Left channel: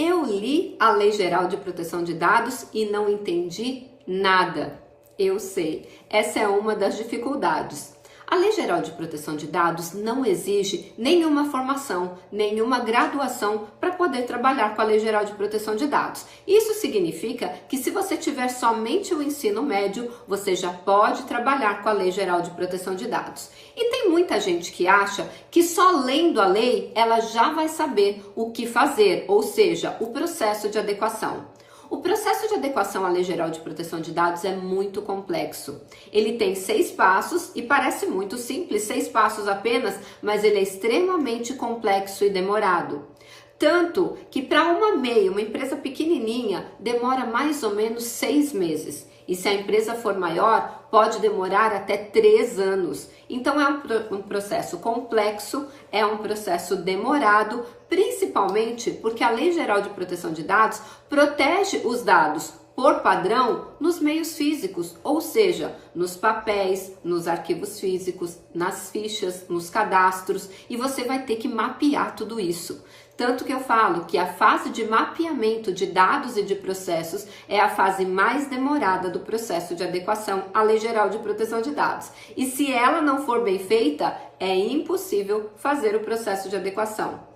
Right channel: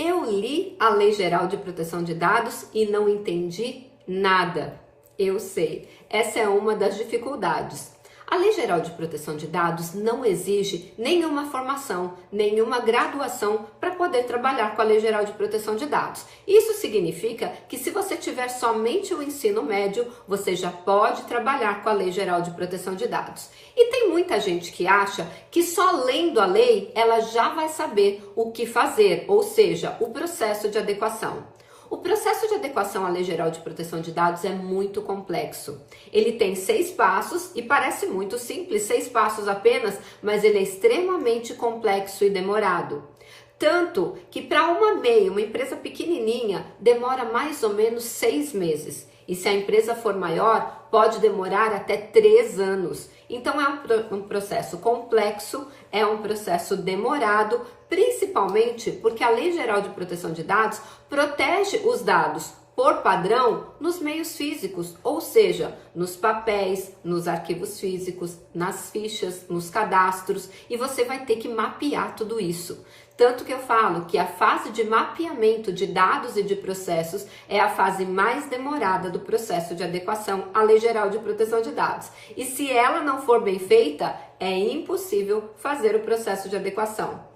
Eu li a Lei Geral de Proteção de Dados e não entendi nada. Eu sei, essa é uma das dificuldades. A Lei Geral de Proteção de Dados não exige nenhuma formação, nenhuma graduação para poder trabalhar com a Lei Geral de Proteção de Dados. Isso significa que se você tiver somente o ensino médio, você já pode trabalhar com a Lei Geral de Proteção de Dados. E tem muita gente que acha que só lendo a lei ela já vai saber o que fazer, ou seja, o processo de adequação. O processo de adequação à Lei Geral de Proteção de Dados é muito complexo. Ele tem 6 passos e parece muito simples, 6 passos apenas, mas ele é extremamente complexo e demorado. Tanto que para uma MEI, uma empresa pequenininha, demora mais ou menos 6 meses. E se a empresa for maior, pode demorar até 3 anos. Então é um processo complexo, é um processo demorado, principalmente porque a Lei Geral de Proteção de Dados protege os dados por padrão nos meios físicos, ou seja, nos papéis, nos arquivos físicos, nas fichas, nos cadastros, e você vai ter que mapear tudo isso. Tanto que eu falo que a fase de mapeamento de dados e de processos é a fase mais demorada do processo de adequação à Lei Geral de Proteção de Dados. E se ela não for bem feita, é impossível fazer o processo de adequação.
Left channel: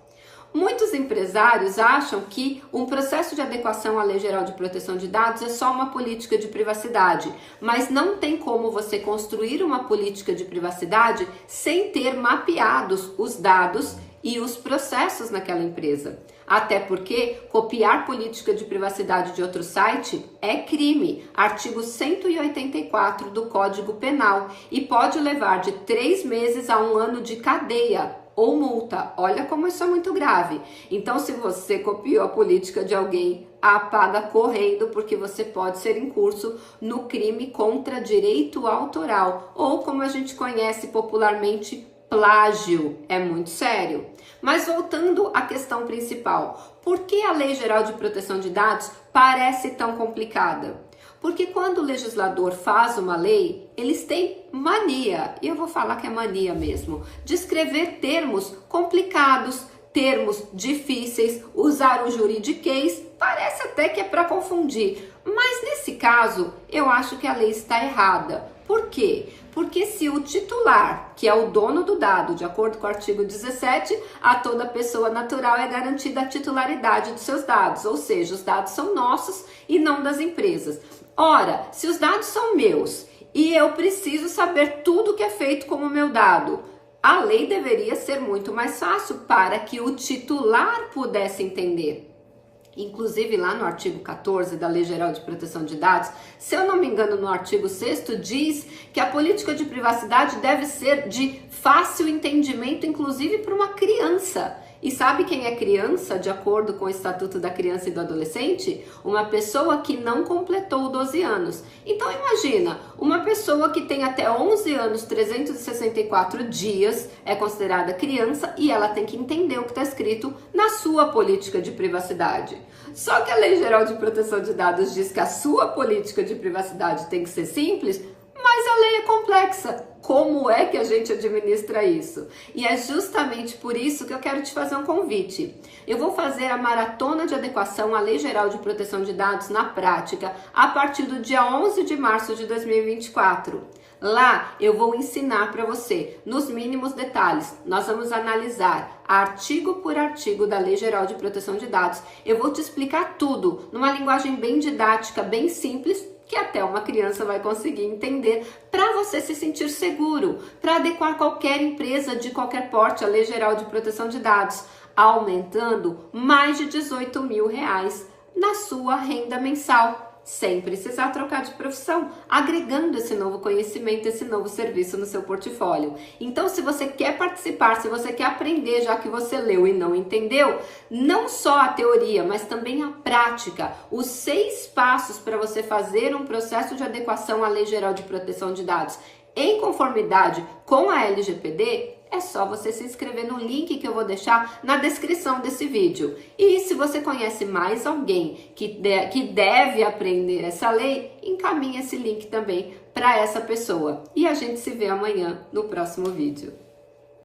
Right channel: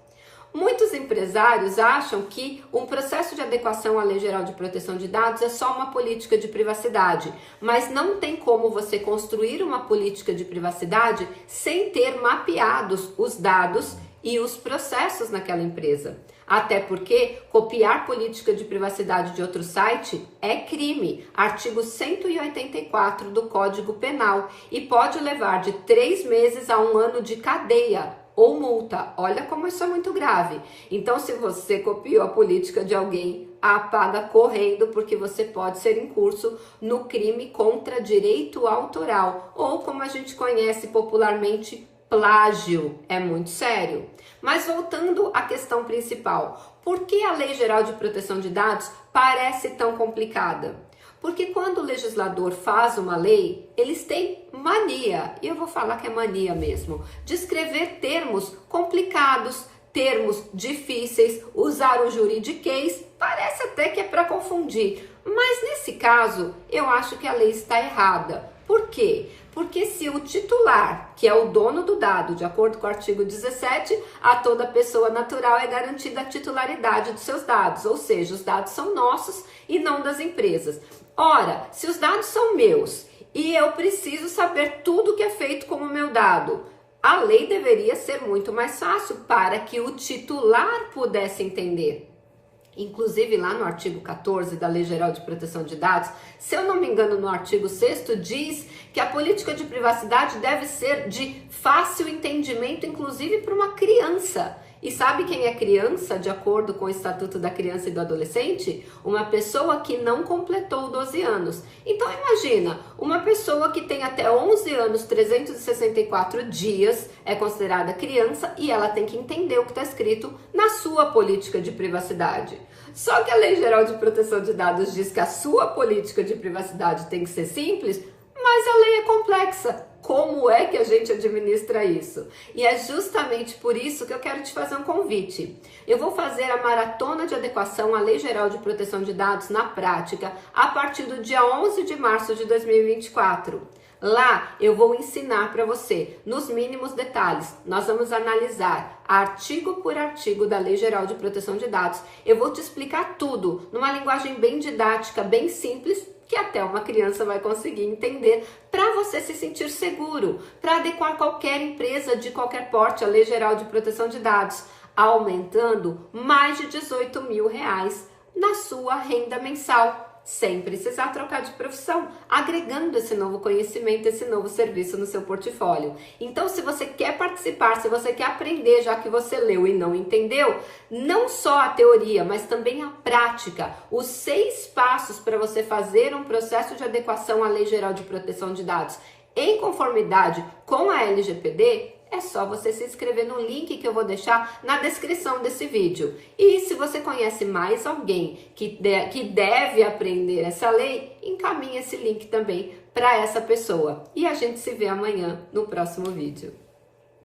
Muitos empresários acham que um processo de adequação à Lei Geral de Proteção de Dados é só uma política de privacidade, mas não tem como você construir uma política de privacidade sem ter mapeados os dados e os processos naquela empresa. Até porque copiar política de privacidade de outro site é crime, artigo 184 do Código Penal, e pode levar de 3 meses a 1 ano de cadeia ou multa. Olha como isso é muito grave. Então, se você copiou a política de alguém, apaga correndo, porque você pode ser incurso no crime contra direito autoral, ou como a gente conhece popularmente, plágio. É muito sério. Mas voltando à questão principal, por que a Lei Geral de Proteção de Dados parece tão complicada? Porque quando o legislador faz uma lei, eles têm mania, e eu vou falar que é mania mesmo, de escrever termos complicados, termos difíceis, usar o juridiquês, parece até que é para confundir. Mas nesse caso, eu acho que a lei está errada. Por quê? Porque se o titular, que é o dono do dado, de acordo com o artigo 17, a toda pessoa natural é garantida a titularidade dos seus dados, ou seja, os dados são nossos e não das empresas. Ora, se os dados são meus e eu preciso saber tudo que é feito com o meu dado, a lei deveria ser muito mais fácil para que o titular pudesse entender. Inclusive lá no artigo 14 da Lei Geral de Proteção de Dados, se eu não me engano no artigo 6º, diz que a política de privacidade deve ser de fácil entendimento, inclusive para uma criança. E sabe quem é criança, de acordo com o Estatuto da Criança e do Adolescente? Uma pessoa que não completou 12 anos. Então imagina, uma pessoa que tem até 11 anos, 364 dias, é considerada criança e ela tem que entender o que está escrito na sua política de privacidade. Só que a Lei Geral de Proteção de Dados diz que a sua política de privacidade tem que ser simples, mas a lei é complexa. Como é que a gente administra isso? E é justamente por isso que eu quero te fazer um convite. Eu vou fazer a maratona de adequação à Lei Geral de Proteção de Dados na prática a partir do dia 11 de março de 2024. Lá eu vou ensinar para você, nos mínimos detalhes, nós vamos analisar artigo por artigo da Lei Geral de Proteção de Dados. Eu vou te explicar tudo numa linguagem bem didática, bem simples, que até uma criança vai conseguir entender, para você se sentir seguro, para adequar qualquer empresa de qualquer porte à Lei Geral de Proteção de Dados, aumentando mais de R$18 mil na sua renda mensal, sem precisar trocar de profissão, agregando esse novo conhecimento, esse novo serviço no seu portfólio. Então, se você quer participar, se você quer aprender, já que você leu e não entendeu, não só a teoria, mas também a prática, os 6 passos para você fazer um processo de adequação à Lei Geral de Proteção de Dados em conformidade com a LGPD, é só você se inscrever no link que eu vou deixar na descrição desse vídeo. E se você conhece mais alguém que deve aprender essa lei, encaminhe esse link também para essa pessoa. E a gente se vê amanhã no próximo vídeo.